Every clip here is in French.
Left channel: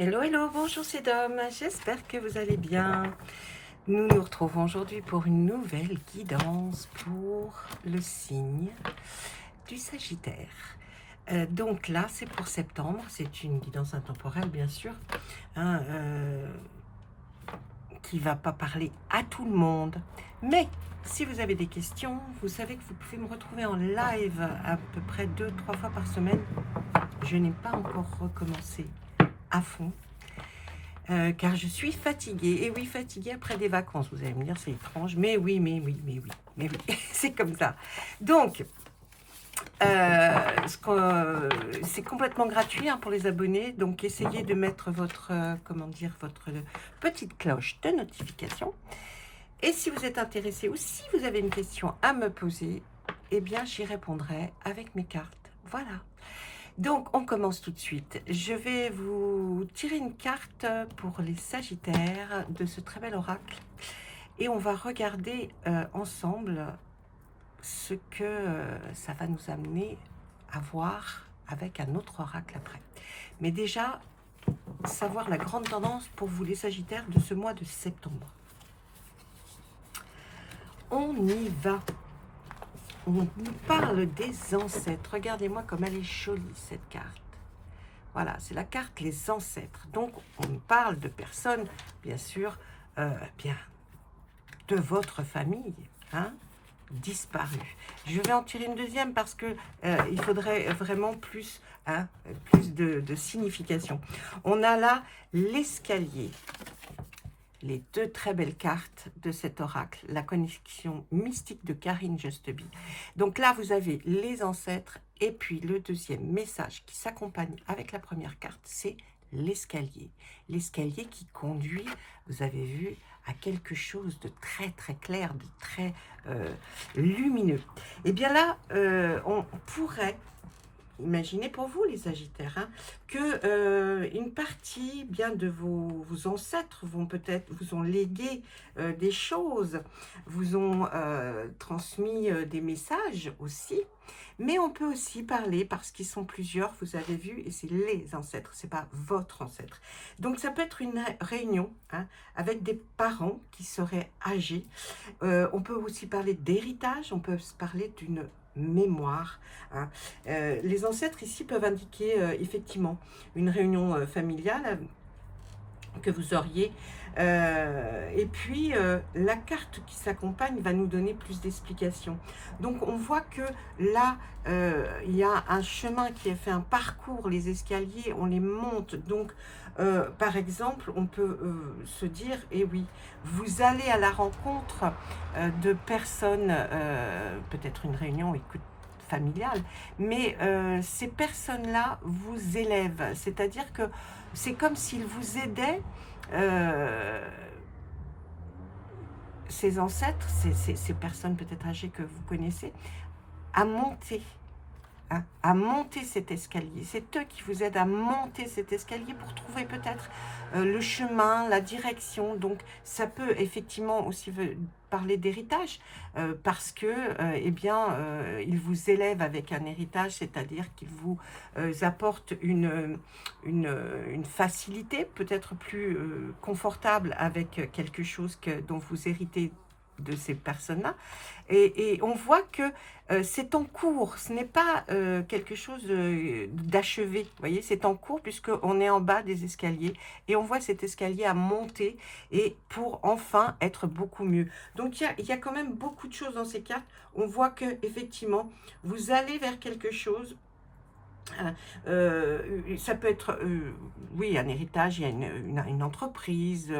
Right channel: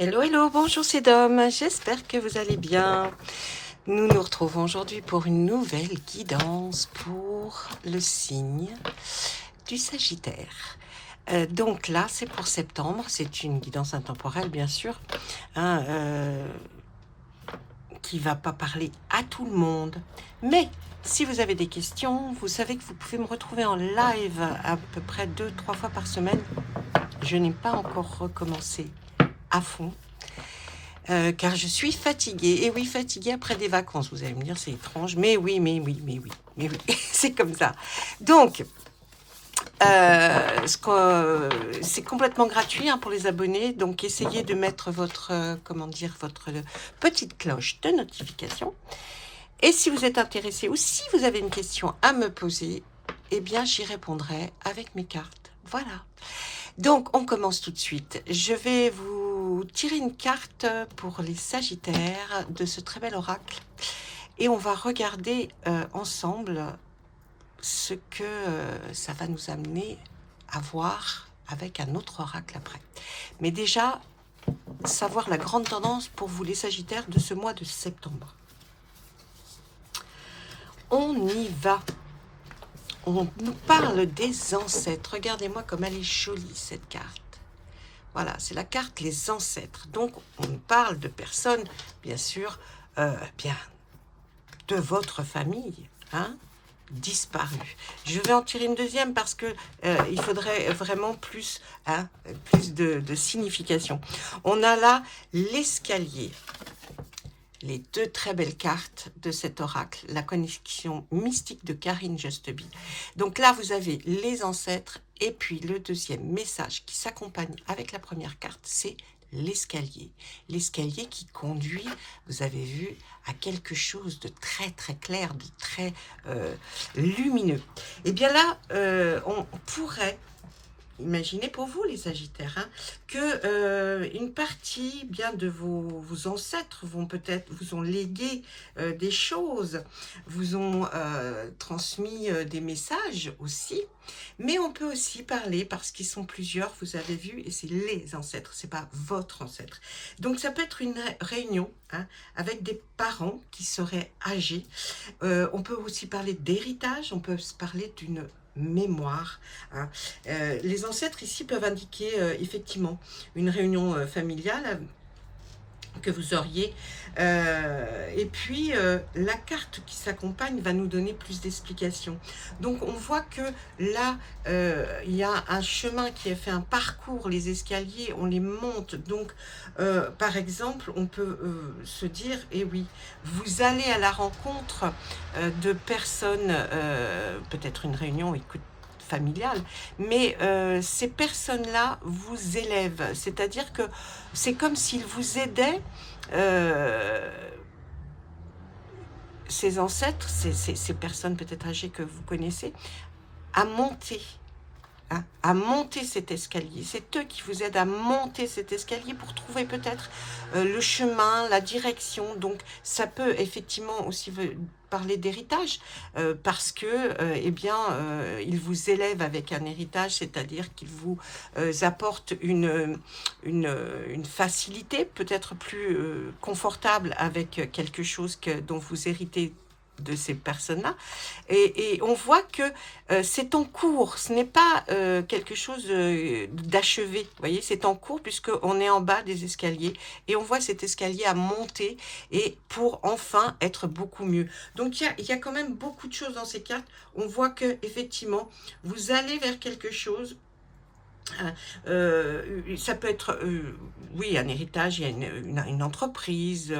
Hello, hello, bonjour c'est Dom, j'espère que vous allez bien. Nous nous retrouvons aujourd'hui pour une nouvelle guidance pour le signe du Sagittaire. Donc là, c'est pour septembre, c'est une guidance intemporelle bien sûr, hein, qui ne va pas parler à tout le monde. Mais si vous avez des questions, vous savez que vous pouvez me retrouver en live à peu près 2-3 fois par semaine. Je n'ai pas encore recommencé à fond. Car je suis fatiguée. Et oui, fatiguée après des vacances. Vous allez me dire, c'est étrange. Mais oui, c'est comme ça. Donc, c'est complètement gratuit pour les abonnés. Donc, essayez de mettre votre, votre petite cloche de notification. Et si vous êtes intéressé ou si vous avez une question à me poser, eh bien, j'y répondrai avec mes cartes. Voilà. Donc, on commence tout de suite. Je vais vous tirer une carte pour les Sagittaires de ce très bel oracle. Et on va regarder ensemble ce que ça va nous amener à voir avec un autre oracle après. Mais déjà, savoir la grande tendance pour vous les Sagittaires de ce mois de septembre. On y va. On nous parle des ancêtres. Regardez-moi comme elle est jolie, cette carte. Voilà, c'est la carte les ancêtres. Donc, on nous parle de personnes, bien sûr, bien de votre famille, hein, disparues. Je vais en tirer une deuxième parce que il faudrait vraiment plus, plus de signification. On a là l'escalier. Les deux très belles cartes de cet oracle, la connexion mystique de Karine Justeby. Donc là, vous avez les ancêtres et puis le deuxième message qui s'accompagne avec la première carte, c'est l'escalier. L'escalier qui conduit, vous avez vu, à quelque chose de très très clair, de très lumineux. Et bien là, on pourrait imaginez pour vous les Sagittaires, que une partie bien de vos ancêtres vous ont légué des choses, vous ont transmis des messages aussi, mais on peut aussi parler parce qu'ils sont plusieurs, vous avez vu, et c'est les ancêtres, c'est pas votre ancêtre. Donc ça peut être une réunion avec des parents qui seraient âgés. On peut aussi parler d'héritage, on peut se parler d'une mémoire. Les ancêtres ici peuvent indiquer effectivement une réunion familiale que vous auriez. Et puis, la carte qui s'accompagne va nous donner plus d'explications. Donc, on voit que là, il y a un chemin qui est fait, un parcours, les escaliers, on les monte. Donc, par exemple, on peut se dire, eh oui, vous allez à la rencontre de personnes, peut-être une réunion, écoute, familiale, mais ces personnes-là vous élèvent, c'est-à-dire que c'est comme s'ils vous aidaient, ces ancêtres, ces personnes peut-être âgées que vous connaissez, à monter. À monter cet escalier. C'est eux qui vous aident à monter cet escalier pour trouver peut-être le chemin, la direction. Donc, ça peut effectivement aussi parler d'héritage parce que, eh bien, ils vous élèvent avec un héritage, c'est-à-dire qu'ils vous apportent une facilité, peut-être plus confortable avec quelque chose dont vous héritez de ces personnes-là, et on voit que c'est en cours, ce n'est pas quelque chose d'achevé, vous voyez, c'est en cours puisqu'on est en bas des escaliers et on voit cet escalier à monter et pour enfin être beaucoup mieux. Donc il y a quand même beaucoup de choses dans ces cartes, on voit que effectivement vous allez vers quelque chose. Ça peut être, oui, un héritage, il y a une entreprise,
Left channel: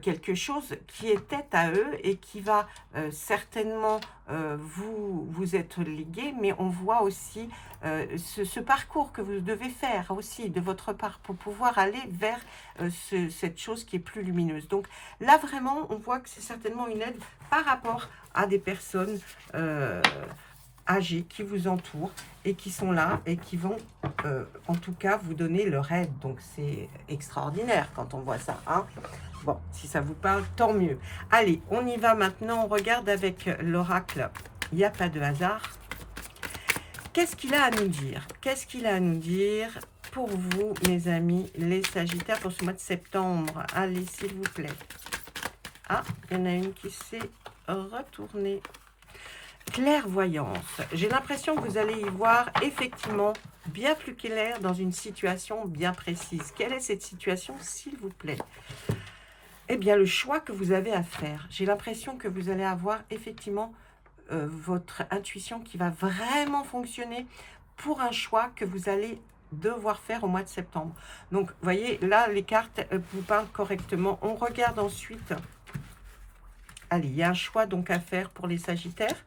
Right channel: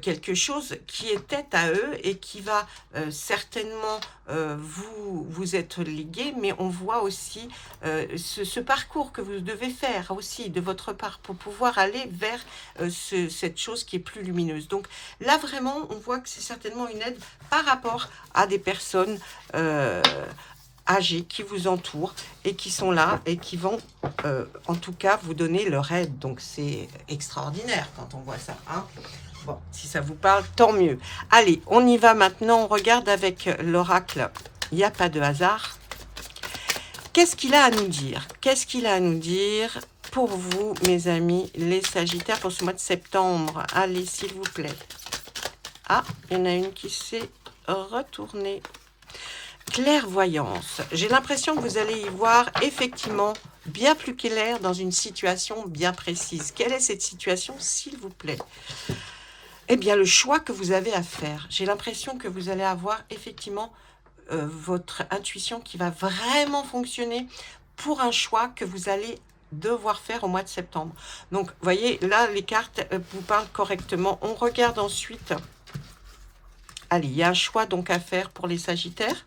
quelque chose qui était à eux et qui va certainement vous être légué, mais on voit aussi ce parcours que vous devez faire aussi de votre part pour pouvoir aller vers cette chose qui est plus lumineuse. Donc là, vraiment, on voit que c'est certainement une aide par rapport à des personnes âgés qui vous entourent et qui sont là et qui vont en tout cas vous donner leur aide. Donc c'est extraordinaire quand on voit ça. Bon, si ça vous parle, tant mieux. Allez, on y va maintenant. On regarde avec l'oracle. Il n'y a pas de hasard. Qu'est-ce qu'il a à nous dire? Qu'est-ce qu'il a à nous dire pour vous, mes amis, les Sagittaires, pour ce mois de septembre? Allez, s'il vous plaît. Ah, il y en a une qui s'est retournée. Clairvoyance. J'ai l'impression que vous allez y voir effectivement bien plus clair dans une situation bien précise. Quelle est cette situation, s'il vous plaît? Eh bien, le choix que vous avez à faire. J'ai l'impression que vous allez avoir effectivement votre intuition qui va vraiment fonctionner pour un choix que vous allez devoir faire au mois de septembre. Donc, vous voyez, là, les cartes vous parlent correctement. On regarde ensuite. Allez, il y a un choix donc à faire pour les Sagittaires.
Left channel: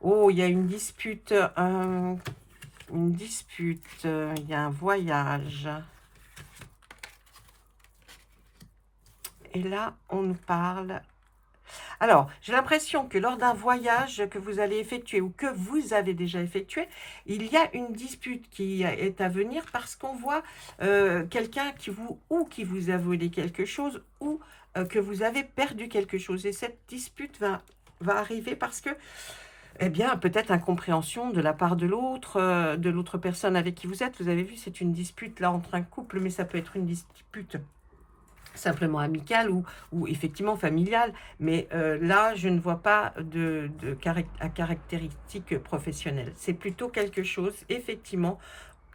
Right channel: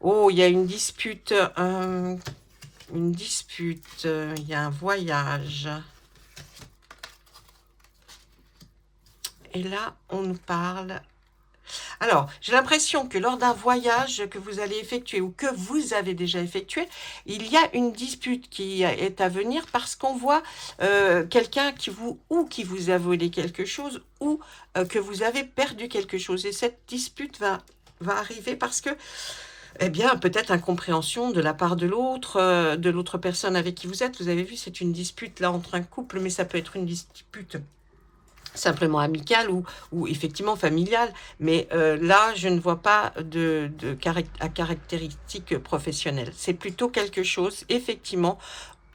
Oh, il y a une dispute. Il y a un voyage. Et là, on nous parle. Alors, j'ai l'impression que lors d'un voyage que vous allez effectuer ou que vous avez déjà effectué, il y a une dispute qui est à venir parce qu'on voit quelqu'un qui vous a volé quelque chose ou que vous avez perdu quelque chose. Et cette dispute va arriver parce que, eh bien, peut-être incompréhension de la part de l'autre personne avec qui vous êtes. Vous avez vu, c'est une dispute là entre un couple, mais ça peut être une dispute simplement amicale ou effectivement familiale, mais là, je ne vois pas à caractéristiques professionnelles. C'est plutôt quelque chose, effectivement,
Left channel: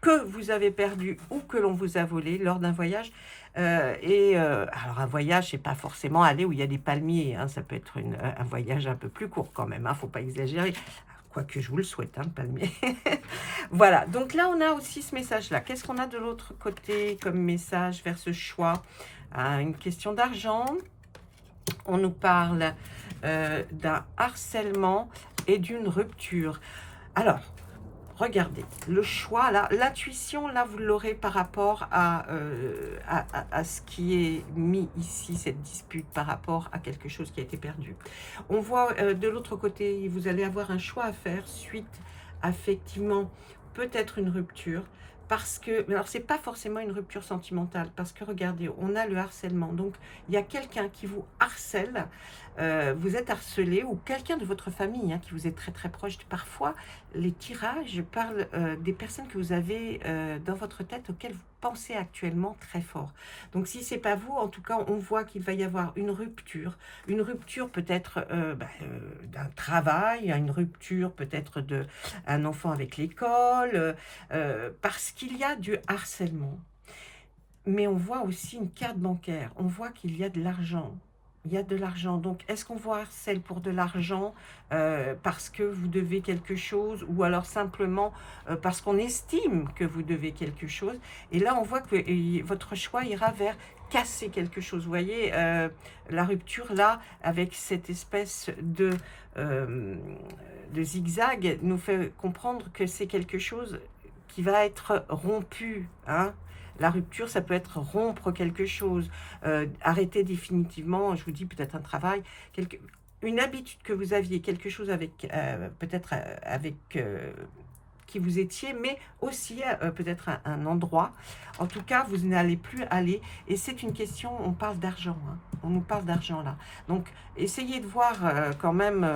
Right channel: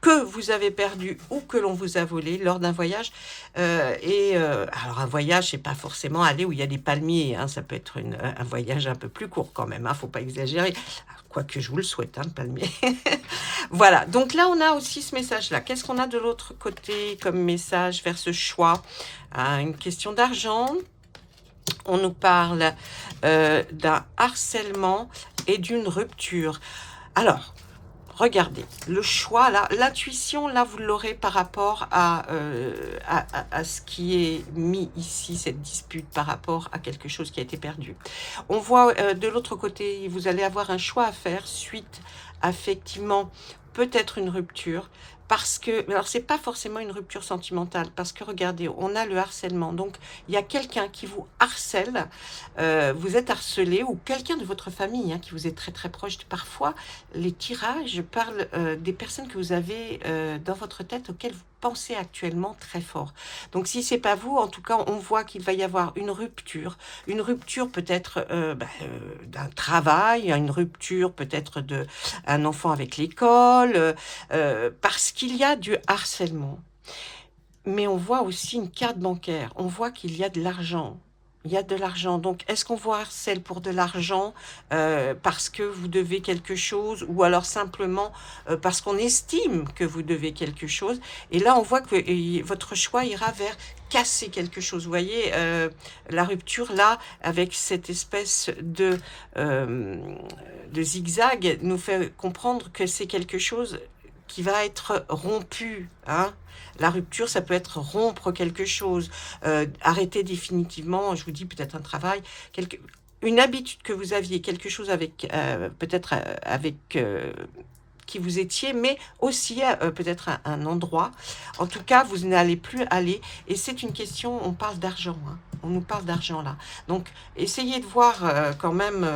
que vous avez perdu ou que l'on vous a volé lors d'un voyage. Alors, un voyage, c'est pas forcément aller où il y a des palmiers, hein, ça peut être un voyage un peu plus court quand même, hein, faut pas exagérer. Quoique je vous le souhaite, hein, le palmier. Voilà, donc là, on a aussi ce message-là. Qu'est-ce qu'on a de l'autre côté comme message vers ce choix? Une question d'argent. On nous parle d'un harcèlement et d'une rupture. Alors, regardez, le choix, là, l'intuition, là, vous l'aurez par rapport à ce qui est mis ici, cette dispute par rapport à quelque chose qui a été perdu. On voit de l'autre côté, vous allez avoir un choix à faire suite à, effectivement, peut-être une rupture. Parce que, alors c'est pas forcément une rupture sentimentale, parce que regardez, on a le harcèlement. Donc, il y a quelqu'un qui vous harcèle, vous êtes harcelé, ou quelqu'un de votre famille hein, qui vous est très très proche. Parfois, les tirages parlent des personnes que vous avez dans votre tête, auxquelles vous pensez actuellement très fort. Donc, si c'est pas vous, en tout cas, on voit qu'il va y avoir une rupture peut-être d'un travail, une rupture peut-être d'un enfant avec l'école, parce qu'il y a du harcèlement. Mais on voit aussi une carte bancaire. On voit qu'il y a de l'argent. Il y a de l'argent. Donc, est-ce qu'on vous harcèle pour de l'argent parce que vous devez quelque chose ou alors simplement parce qu'on estime que vous devez quelque chose? Et là, on voit que votre choix ira vers casser quelque chose. Vous voyez, la rupture, là, avec cette espèce de zigzag, nous fait comprendre que c'est quelque chose qui va être rompu, hein. La rupture, ça peut être rompre quelque chose, arrêter définitivement, je vous dis peut-être un travail, une habitude que vous aviez, quelque chose avec, peut-être avec qui vous étiez, mais aussi peut-être un endroit. En tout cas, vous n'allez plus aller. Et c'est une question, on parle d'argent, hein. On nous parle d'argent là. Donc, essayez de voir quand même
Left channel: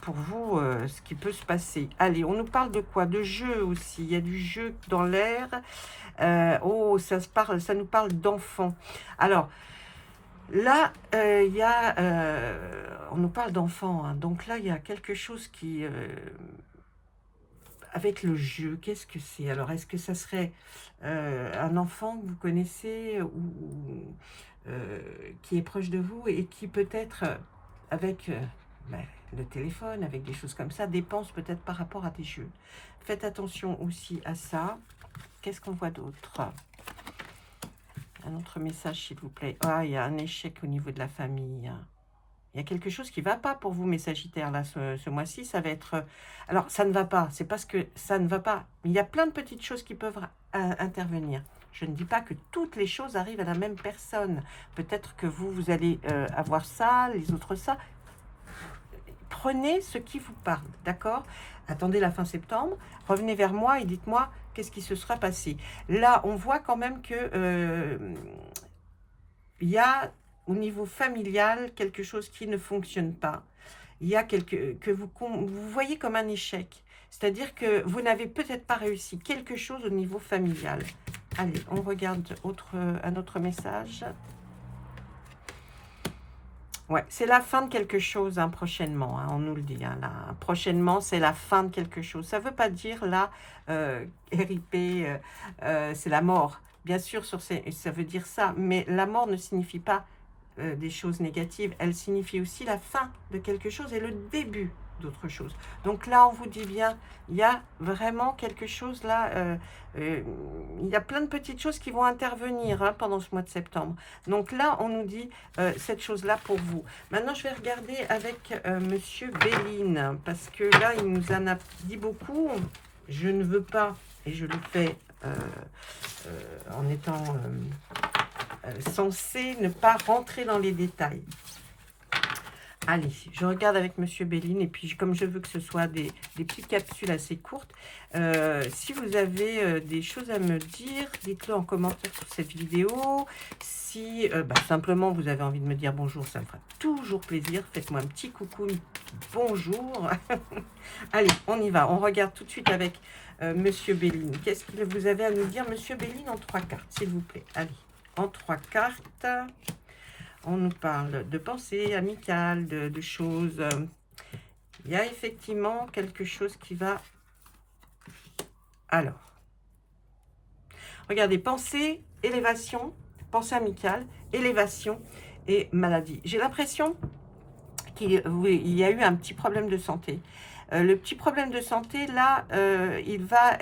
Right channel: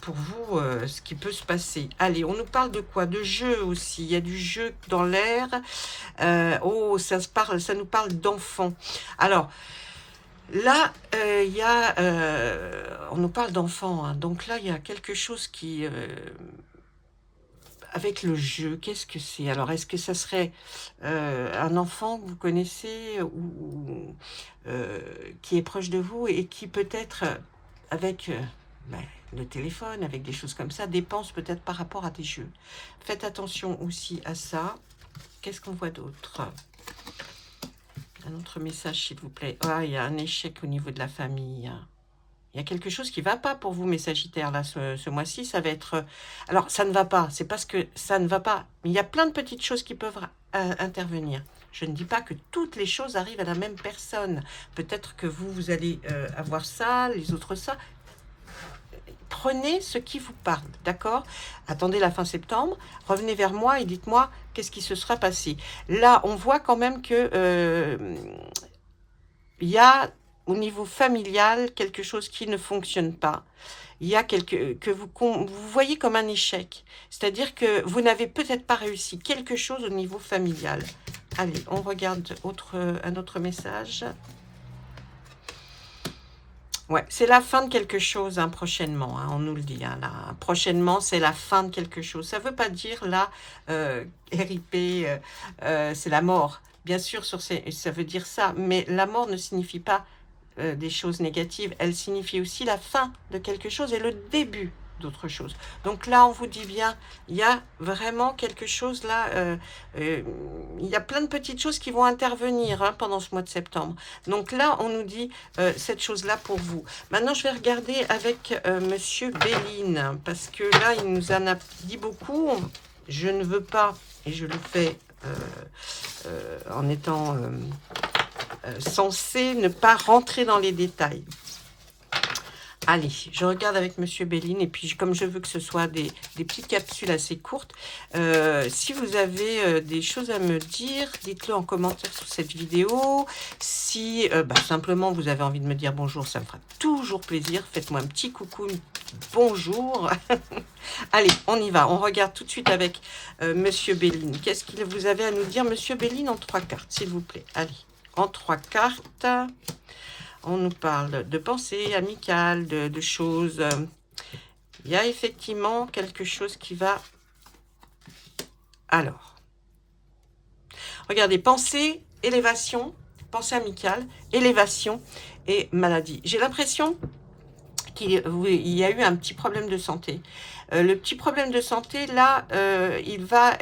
pour vous ce qui peut se passer. Allez, on nous parle de quoi? De jeu aussi. Il y a du jeu dans l'air. Oh, ça nous parle d'enfants. Alors, là, il y a... on nous parle d'enfants. Hein. Donc là, il y a quelque chose qui... avec le jeu, qu'est-ce que c'est? Alors, est-ce que ça serait un enfant que vous connaissez ou qui est proche de vous et qui peut-être, avec le téléphone, avec des choses comme ça, dépense peut-être par rapport à des jeux? Faites attention aussi à ça. Qu'est-ce qu'on voit d'autre? Un autre message, s'il vous plaît. Ah, il y a un échec au niveau de la famille. Il y a quelque chose qui ne va pas pour vous, mes Sagittaires, là, ce mois-ci. Ça va être... Alors, ça ne va pas. C'est parce que ça ne va pas. Mais il y a plein de petites choses qui peuvent intervenir. Je ne dis pas que toutes les choses arrivent à la même personne. Peut-être que vous allez avoir ça, les autres ça. Prenez ce qui vous parle, d'accord? Attendez la fin septembre, revenez vers moi et dites-moi qu'est-ce qui se sera passé. Là, on voit quand même que il y a au niveau familial quelque chose qui ne fonctionne pas. Il y a que vous voyez comme un échec. C'est-à-dire que vous n'avez peut-être pas réussi quelque chose au niveau familial. Allez, on regarde un autre message. Ouais, c'est la fin de quelque chose, hein, prochainement, hein, on nous le dit. Hein, là. Prochainement, c'est la fin de quelque chose. Ça ne veut pas dire, là, RIP, c'est la mort. Bien sûr, ça veut dire ça, mais la mort ne signifie pas des choses négatives. Elle signifie aussi la fin de quelque chose et le début d'autre chose. Donc là, on vous dit bien, il y a vraiment quelque chose là, il y a plein de petites choses qui vont intervenir, hein, pendant ce mois de septembre. Donc là, on nous dit cette chose-là pour vous. Maintenant, je vais regarder avec Monsieur Béline, parce que là, il nous en a dit beaucoup. Je ne veux pas, et je le fais en étant censé ne pas rentrer dans les détails. Allez, je regarde avec Monsieur Béline, et puis comme je veux que ce soit des petites capsules assez courtes, si vous avez des choses à me dire, dites-le en commentaire sous cette vidéo. Si simplement vous avez envie de me dire bonjour, ça me fera toujours plaisir. Faites-moi un petit coucou, bonjour. Allez, on y va. On regarde tout de suite avec Monsieur Béline. Qu'est-ce que vous avez à nous dire, Monsieur Béline, en 3 cartes, s'il vous plaît. Allez, en 3 cartes. On nous parle de pensées amicales, de choses. Il y a effectivement quelque chose qui va... Alors, regardez, pensée, élévation, pensée amicale, élévation et maladie. J'ai l'impression qu'il y a eu un petit problème de santé. Le petit problème de santé, là, il va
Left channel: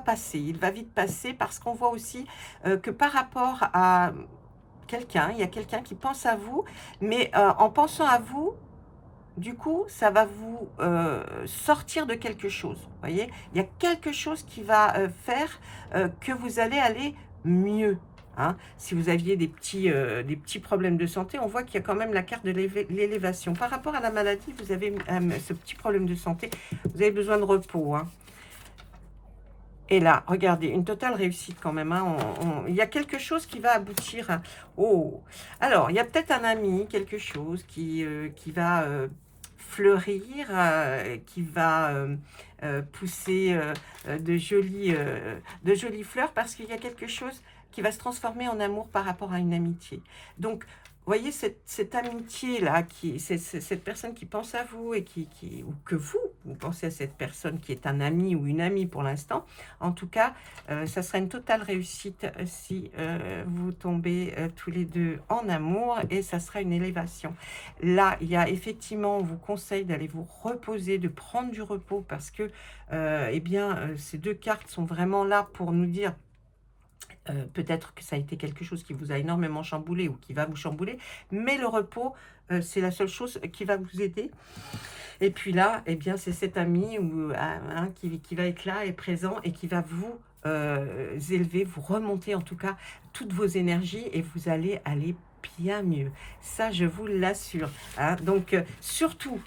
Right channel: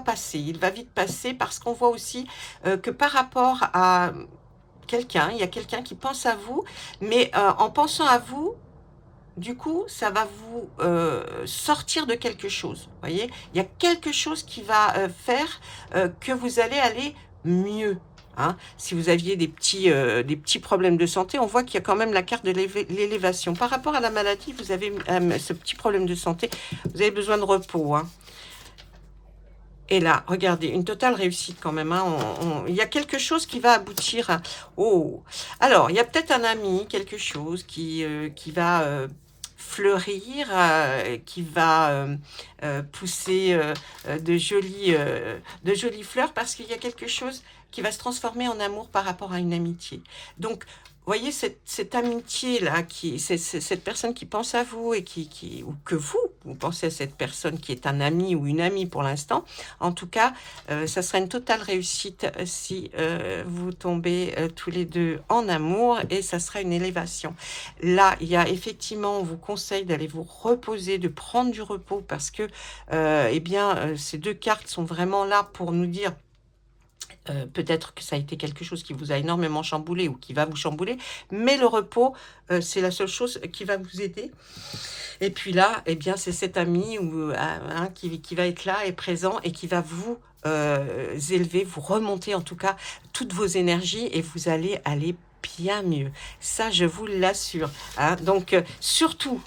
passer, il va vite passer, parce qu'on voit aussi que par rapport à... il y a quelqu'un qui pense à vous, mais en pensant à vous, du coup, ça va vous sortir de quelque chose. Vous voyez, il y a quelque chose qui va faire que vous allez aller mieux. Hein. Si vous aviez des petits problèmes de santé, on voit qu'il y a quand même la carte de l'élévation. Par rapport à la maladie, vous avez ce petit problème de santé, vous avez besoin de repos. Hein. Et là, regardez, une totale réussite quand même. Hein. Il y a quelque chose qui va aboutir à... Oh, alors, il y a peut-être un ami, quelque chose qui va fleurir, qui va pousser de jolies fleurs, parce qu'il y a quelque chose qui va se transformer en amour par rapport à une amitié. Donc, vous voyez, cette amitié-là, cette personne qui pense à vous, et ou que vous pensez à cette personne qui est un ami ou une amie pour l'instant, en tout cas, ça sera une totale réussite si vous tombez tous les deux en amour, et ça sera une élévation. Là, il y a effectivement, on vous conseille d'aller vous reposer, de prendre du repos, parce que ces 2 cartes sont vraiment là pour nous dire... peut-être que ça a été quelque chose qui vous a énormément chamboulé ou qui va vous chambouler, mais le repos, c'est la seule chose qui va vous aider. Et puis là, eh bien, c'est cet ami qui va être là et présent, et qui va vous élever, vous remonter en tout cas toutes vos énergies, et vous allez aller bien mieux. Ça, je vous l'assure. Hein. Donc, surtout,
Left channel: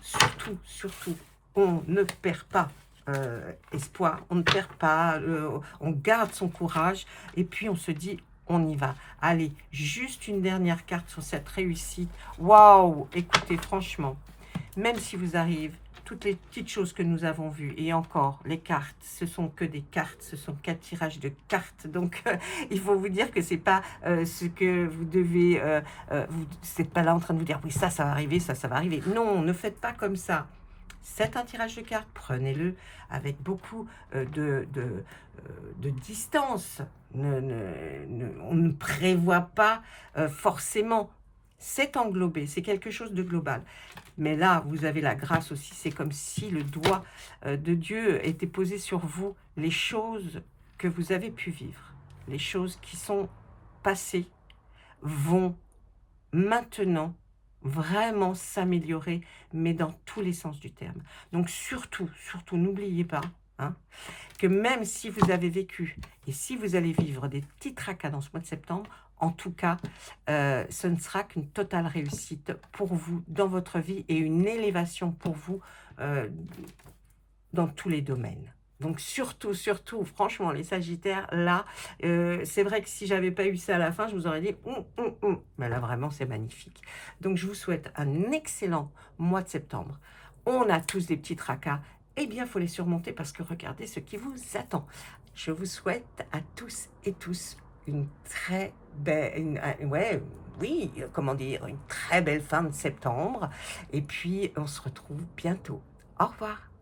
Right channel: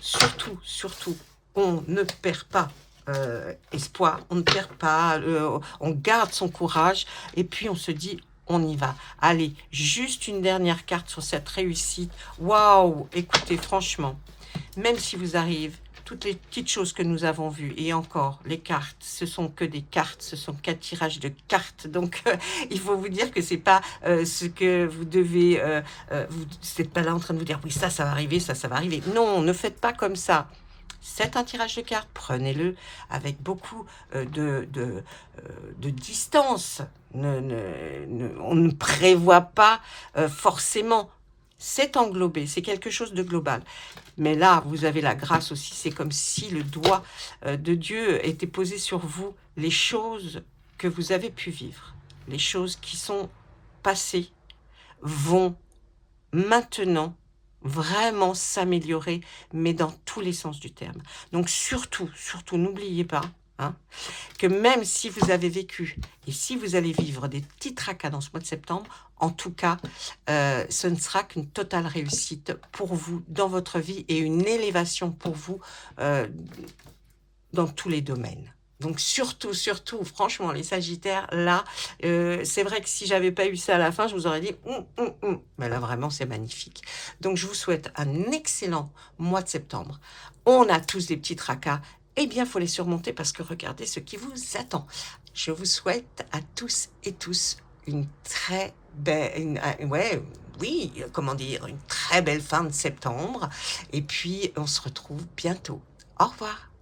on ne perd pas espoir, on ne perd pas, on garde son courage, et puis on se dit, on y va. Allez, juste une dernière carte sur cette réussite. Waouh, écoutez, franchement, même si vous arrivez toutes les petites choses que nous avons vues, et encore, les cartes, ce sont que des cartes, ce sont 4 tirages de cartes, donc il faut vous dire que c'est pas ce que vous devez, vous n'êtes pas là en train de vous dire, oui, ça va arriver, ça va arriver. Non, ne faites pas comme ça. C'est un tirage de cartes, prenez-le avec beaucoup de distance. On ne prévoit pas forcément. C'est englobé, c'est quelque chose de global. Mais là, vous avez la grâce aussi, c'est comme si le doigt de Dieu était posé sur vous, les choses que vous avez pu vivre, les choses qui sont passées, vont maintenant vraiment s'améliorer, mais dans tous les sens du terme. Donc surtout, n'oubliez pas, hein, que même si vous avez vécu, et si vous allez vivre des petits tracas dans ce mois de septembre, en tout cas, ce ne sera qu'une totale réussite pour vous dans votre vie, et une élévation pour vous dans tous les domaines. Donc surtout, franchement, les Sagittaires, là, c'est vrai que si j'avais pas eu ça à la fin, je vous aurais dit, mais là, vraiment, c'est magnifique. Donc, je vous souhaite un excellent mois de septembre. On a tous des petits tracas. Eh bien, il faut les surmonter, parce que regardez ce qui vous attend. Je vous souhaite à tous et tous une très belle, ouais, oui, comment dire, une très belle fin de septembre. Et puis, on se retrouve bientôt. Au revoir.